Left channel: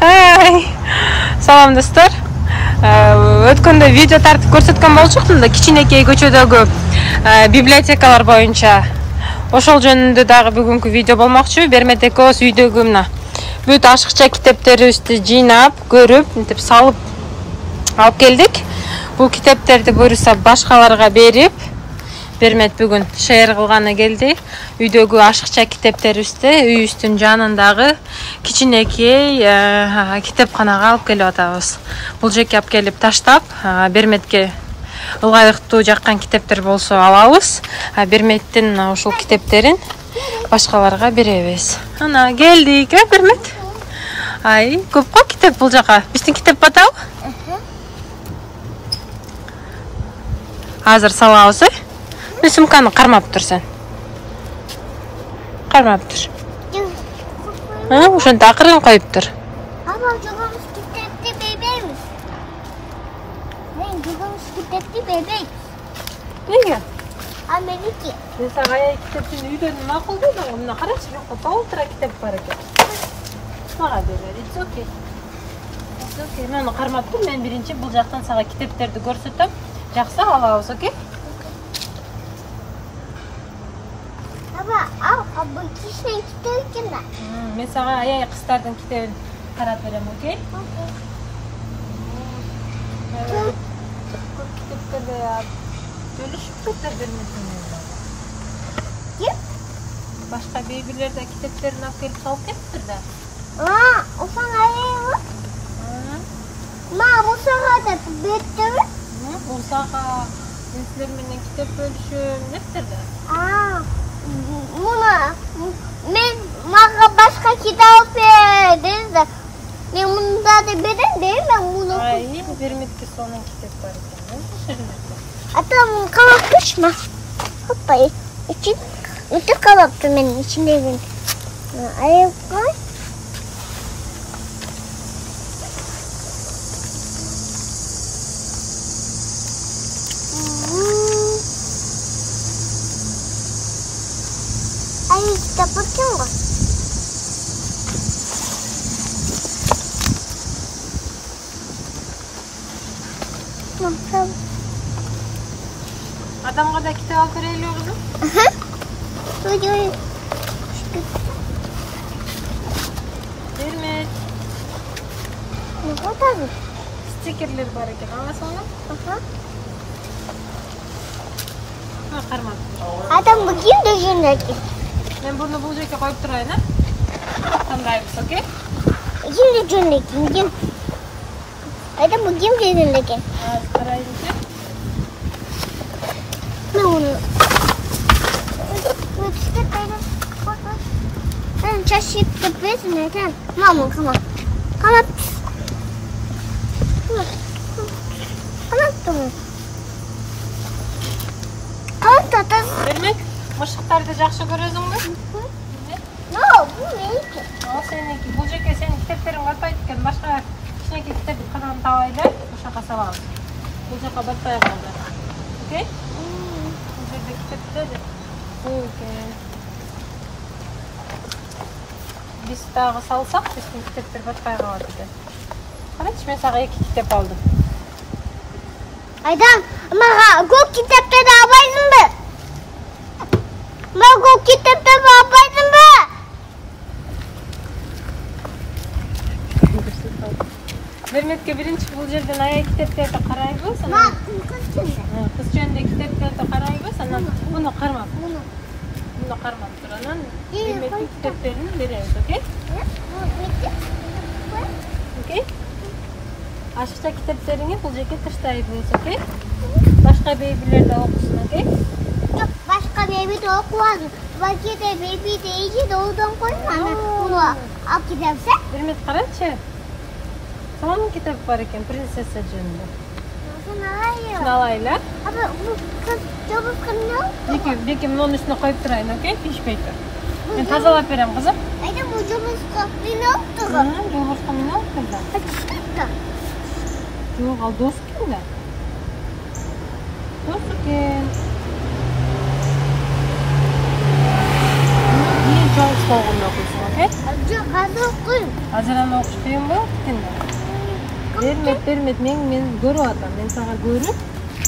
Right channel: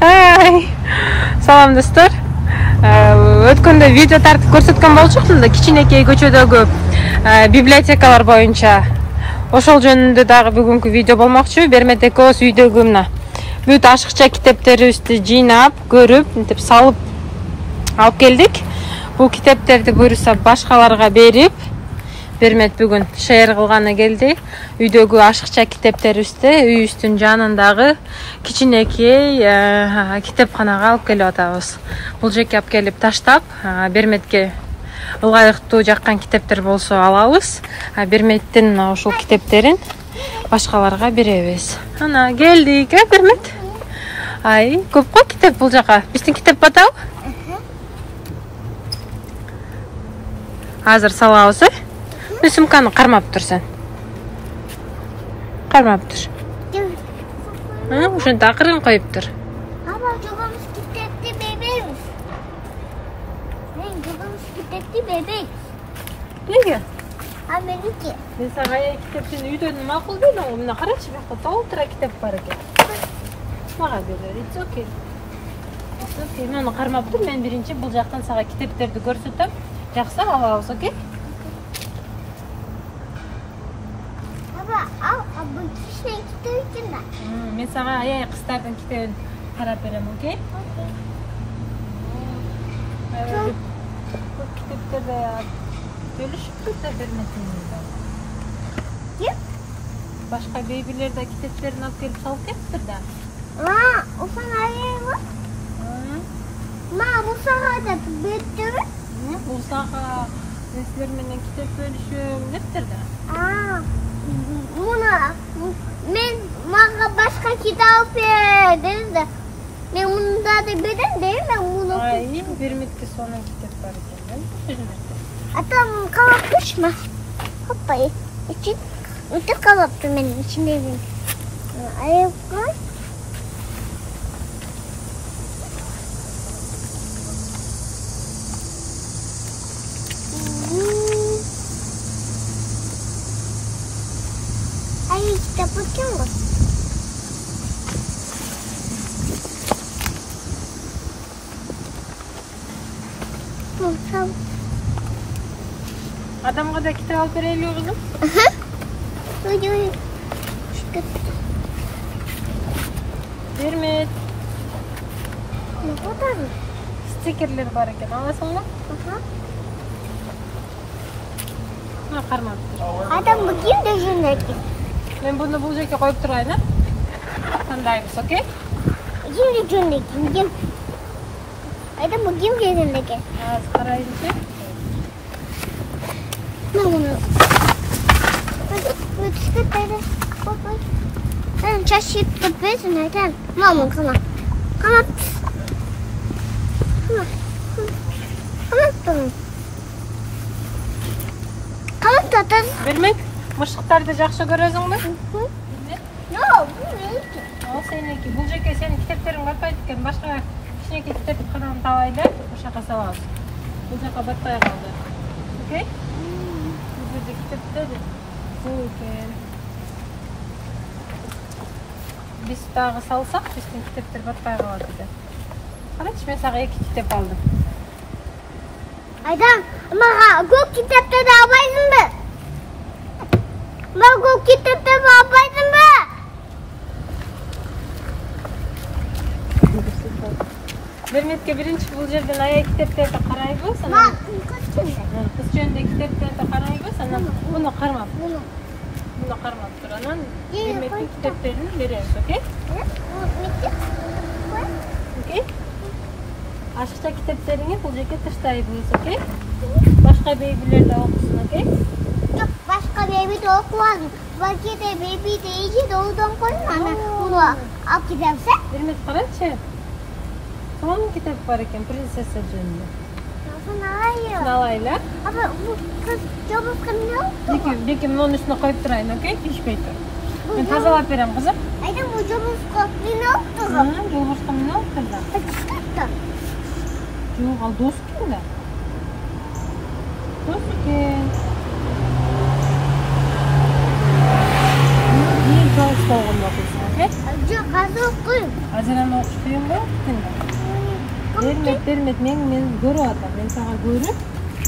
Ай. Салам достор. Өткөндө видео тартып көрсөткөн болчуктум да кичинекей көчөдөгү библиотекалар боюнча. Ошол жөнүндө дагы бүгүнкү видео болмокчу. Бермет экөөбүз үйдөгү мына бүт ашыкча китептерибизди жыйнап, көрүп, мынтип салып алып келдик. Бул китептерди буюрса башкаларга берип, Бермет бүгүн шеэр кылганы келди. Үйдөгү ашыкча китептерибизди үйүбүздүн жанындагы кичинекей китепканага алып келип атабыз. Бул жерге алып келип таштап, Берметке ылайыктуу жаккан китептер болсо алабыз. Берметтин ушул китептерин башкаларга беребиз. Ана келдик, Бермет. Ай, көп го китеп бул жака. Биздин китеп батабы? Азыр салабыз, сумканы кармап тур сен. Кармап тур. Ошентип акырын коюп тур. Ама жогобуз китепти бербейбиз. Мен жогобуз китепти бербейм. Неге? А меники. Мен сага китептин үйдөн макул дейм, мына карачы, бияка толтура китеп бар экен. Мага берер. It's okay. Мени кармап тур, мен биринчи бул жактан сага китептерди көрсөтөм. Жаксы, алабыз, окей? Бул кичине китеп экен да. Мен сага аяй кыздардын китебин карап берем, окей? Көп китептерди бөлүшүп кетти Берметинде. Ким? Башка бейбилер да китептерин алып келип салып кетиптир да. Ошоң аяйбы? Мусага деп беттиби? Мусага мен силер менен китеп бөлүшөм дептир да. Мен мага башка китап бер dedi. Мен мында да берем дейм, мен муну. Ай, Берметте сонун китеп бар экен. Атам канатышма. Папай, için өтүп калыптыр менин ичимдеги. Аяпай. Ayo kita potong kok. Адамга да китеп алып берели болду. Бермет. Ne kadar? Стикерлер бар экен, аласыңбы? Кармап тур. Адам bugün de yönetki. Мен буну бул жерге коюп турайын, тандайбыз, окей? Şimdi yönetki, bugün. Adam bugün de yönetki. Карайбыз. Ne onu? İşte böyle. Sen çaşıp tıpıyorsun neden? Mama, come on. Come on. Come on. Бермет, мышыктарды жакшы көрөсүңбү? No, bu meniki. Ал сеники. Бул жерге сенин китептериң батпайт экен. Башка кичинекей китеп кырын табайлы, ошака салабыз. Бул жака батпай калды. Окей? Бул жерде китептер экен. Биз дагы салсак, биздин китептер батпай калат эди. Карачы, мен сага 2 китеп алдым. Adam, mага көк китептерди албайсыңбы? Мен көк китептерди албайсыңбы? Берметке биринчи бул жерден аяй китептерди карайбыз, анан кыз жөнүндө китептерди карайбыз, анан муну кармап. Муну кармап тур, анан Берметтин китептерин беребиз, окей? Окей? Ашыкча китептериңи бул жерге таштайбыз, окей? Башка бейбилер да окусун, окей? Жок, башка бейби да окубадым. Бакете бейби дейди, доодон коюн, анан муну алып кетебиз, Бермет, карачы. Сонун китеп бар экен, принцесса жөнүндө. Сону алайбы. Алайлы. Аба, бул кыз жобуска эмне болду? Беки мунун үстүнө коюп турайын, окей? Тишпей тур. Мен тазалап берем, кызым. Айдам, бул жобуска эмне болду? Жобуска эмне болду да? Жок, ал дос экен да. Дос экен. Çoğunuz bolğunda okuysun, okey? Жоқ, қазір оқимын. Азыран оқыш қиын ба? Бермет, мен көріп атам. Мен саған көріп,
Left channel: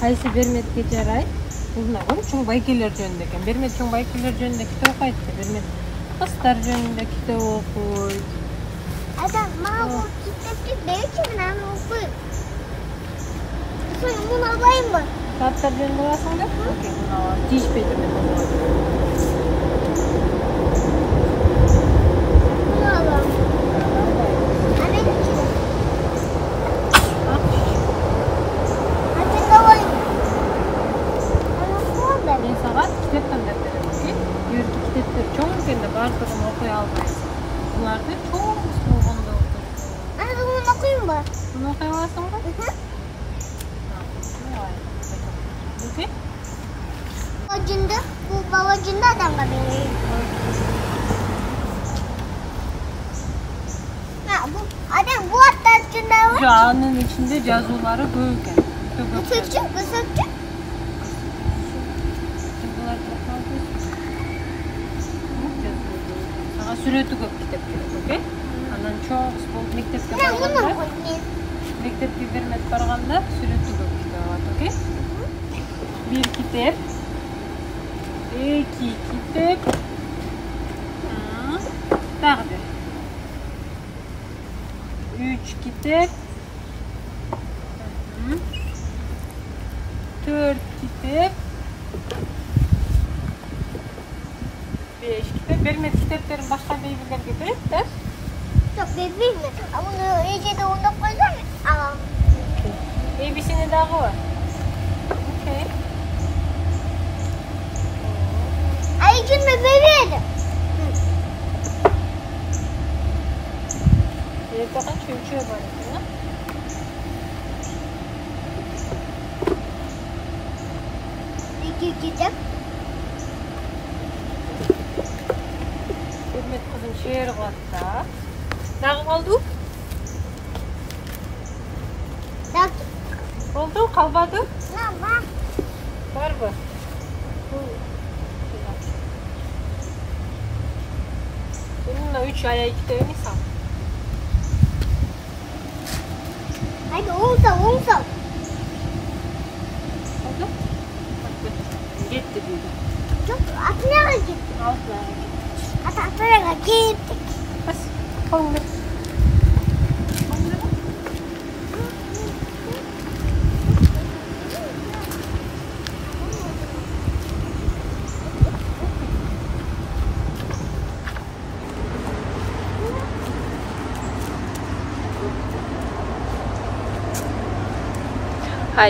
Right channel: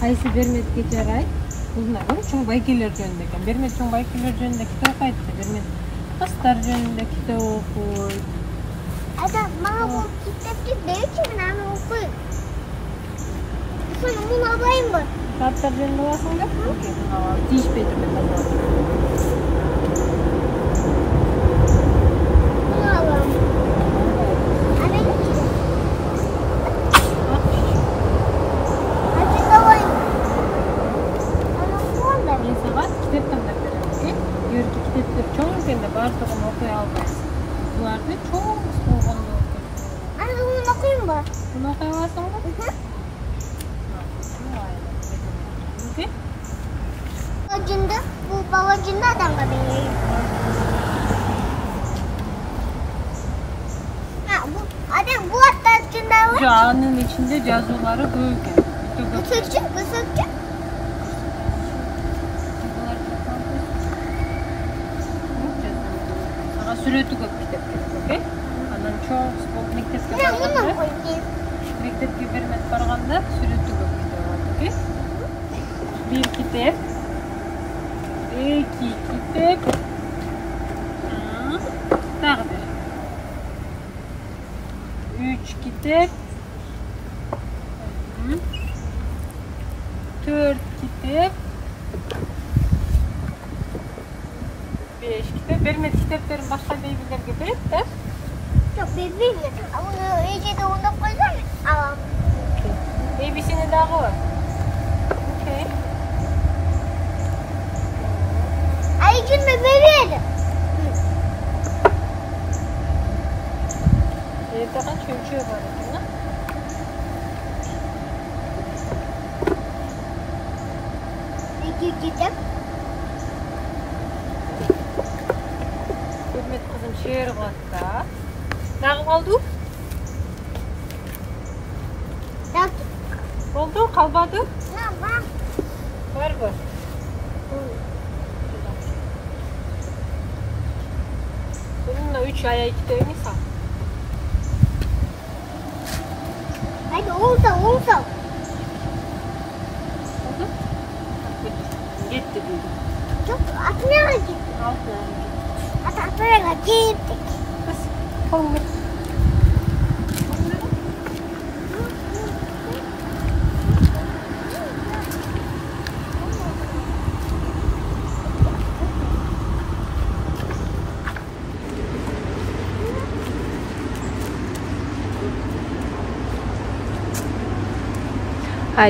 қайсы берметке жарай. Бұлына көріп, чоң байкелер жөнінде екен. Бермет чоң байкелер жөнінде кітап оқиды. Бермет қыстар жөнінде кітап оқиды. Ата, маған бұл кітапты берші, мен аны оқимын. Соны мұны алайын ба? Кітаптар жөнінде аласың да? Окей, бұны алам. Тиіспей түрде қазір алам. Мұны алам. Мен саған кітап таңдап беремін, окей? Үйіркі кітаптар чоң екенде барлығын оқи алмайсың. Бұларды чоң болғанда оқиды. Ана, бұны оқимын ба? Бұны оқи аласың ба? Окей? Бұл бабажынды адамға берейін. Адам, бұл аттар жында бар? Жаңның ішінде жазулары көп екен. Көсөкчі? Саған сүреті көп кітап керек, окей? Анан чоң болып мектепке Мұны барғанда, қойын. мектепке бермет барғанда сүреті көп кітап алады, окей? Bir kitap, iki kitap, daha bir. 3 kitap, 4 kitap, 5 kitap. Bermet kitapların başka beybilerge berет de. Жоқ, бермеймін. Мұны ежеде оңдап қойсам, аламын. Бейбисini дағы var. Okey. Ayıcınla berеді. Evde kaç ölçüyor var ekin, ha? İki kitap. Hürmet kızım şehir katta. Ne kaldı? Oldu, kalmadı. Ne var? Var mı? Bununla 3 aya 2 tane sal. Hadi olsa. Oldu? Bak götür. Gitti büyüdü. Çok atmaya gittik. Altına gitti. Atmaya gittik. Bas. Kaldır.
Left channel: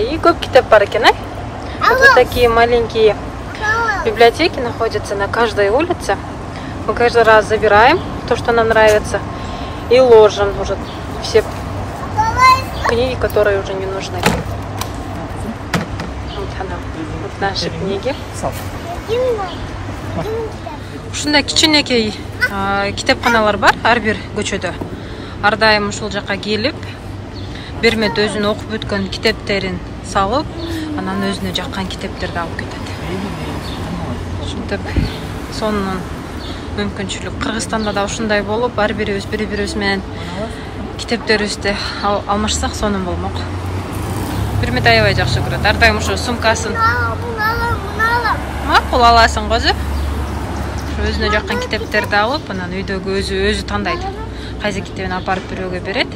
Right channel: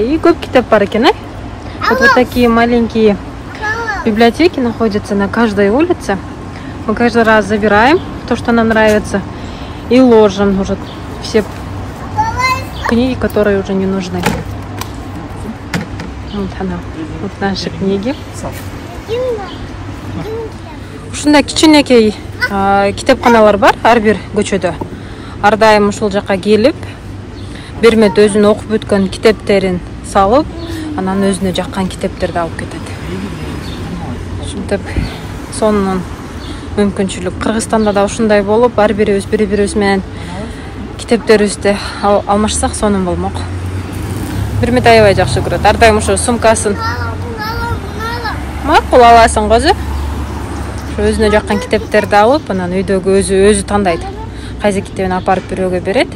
И көп китап бар екен, вот такие маленькие библиотеки находятся на каждой улице. Мы каждый раз забираем то, что нам нравится, и ложим уже все книги, которые уже не нужны. Вот наши книги. Ушундай кичинекей китепканалар бар ар бир көчөдө. Ар дайым ушул жакка келип, Бермет өзүнүн окуп өткөн китептерин салып, анан өзүнө жаккан китептерди алып кетет. Ушинтип сонун мүмкүнчүлүк. Кыргызстанда да ушундай болуп, ар бирибиз бири-бирибиз менен китептерибизди алмашсак сонун болмок. Бермет аябай жакшы көрөт. Ар дайым ошо сумкасын макул аласың козу. Өзүнө жаккан китептерди алып, анан үйдөгү өзү тандайт. Кайсы китебин апарып бирөөгө берет,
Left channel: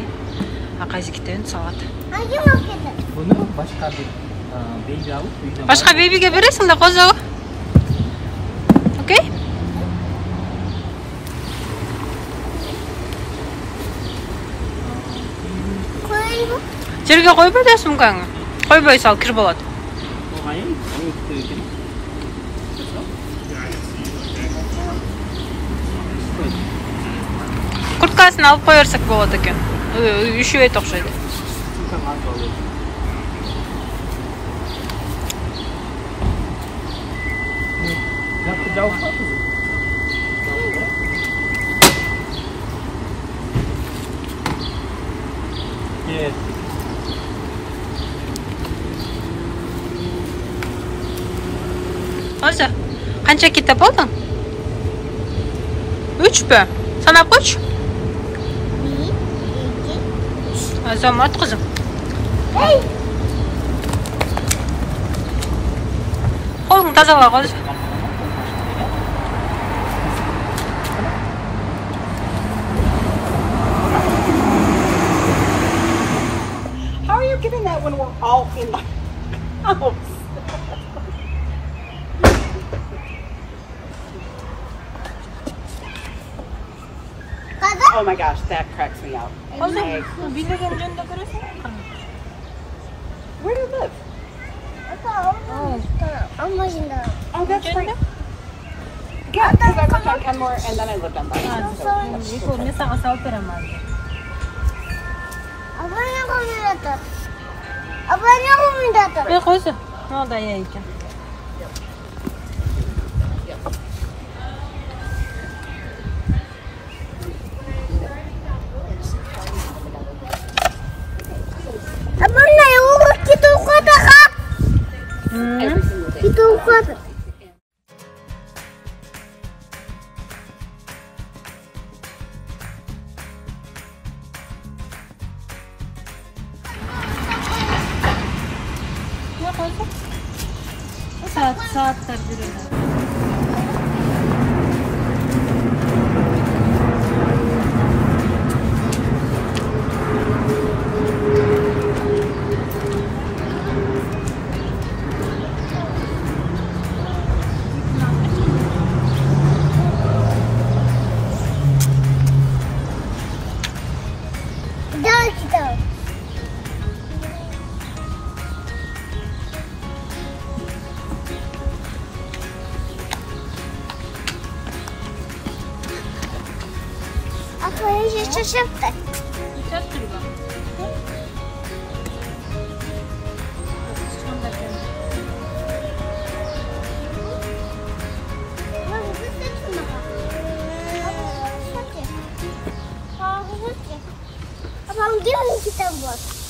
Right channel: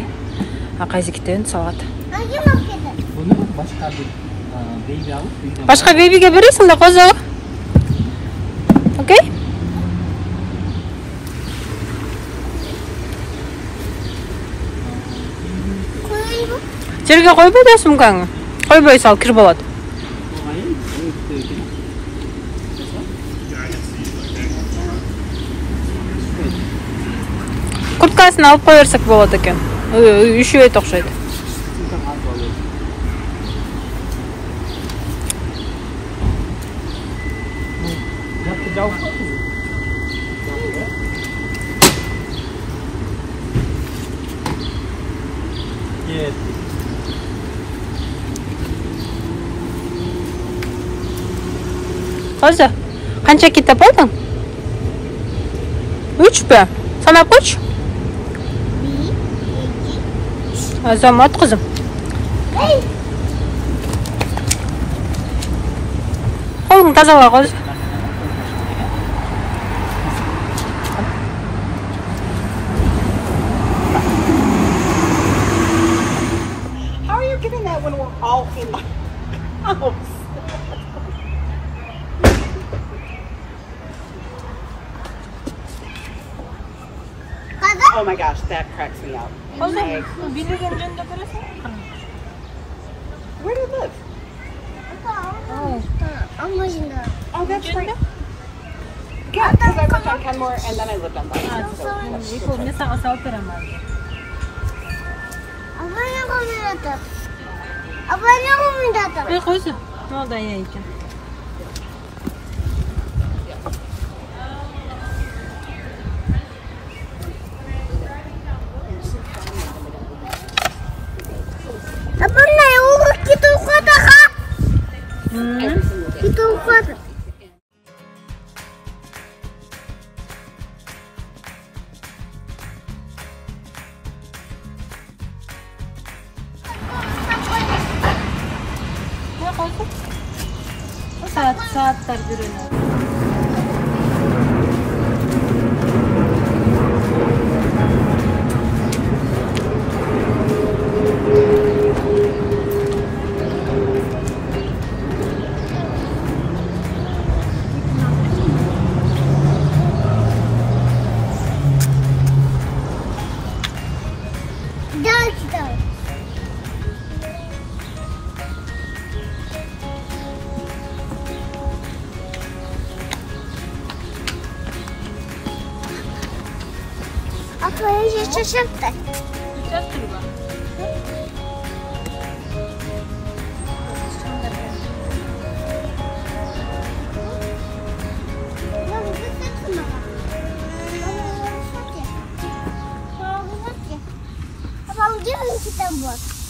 а кайсы китебин салат. Bunu başka bir beybi alıp Başka beybiге бересиң да козу. Окей? Жерге койбой да сумкаңы. Койбой сал, кир болот. Курткасын алып кое берсек болот экен. Üşüyөт окшойт. Evet. Козу, канча китеп алдың? 3 mü? Sanap koç. 1, 2, 3. Azamat kızım. Hey! Kolunu tazala koy. How are you getting that when we're all in the house? Kadın. Oh my gosh, that cracks me up. Bildiğin önünde görüyorsun. Where do you live? Ang başında. Oh, that's Önünde. yeah. You guys have like one more, and then I live on Yasak asal teramaz. Abanya koyuyordu. Abanya koyuyordu. Ne koysa? Ne oldu ya iken? Abanya yung kita ukada ka. Kita ukada. Ne koysa? Saatler duruyor. Gel kita. Aku yang şaşırttı. Dikkat dur bak. Abang dia kita buat.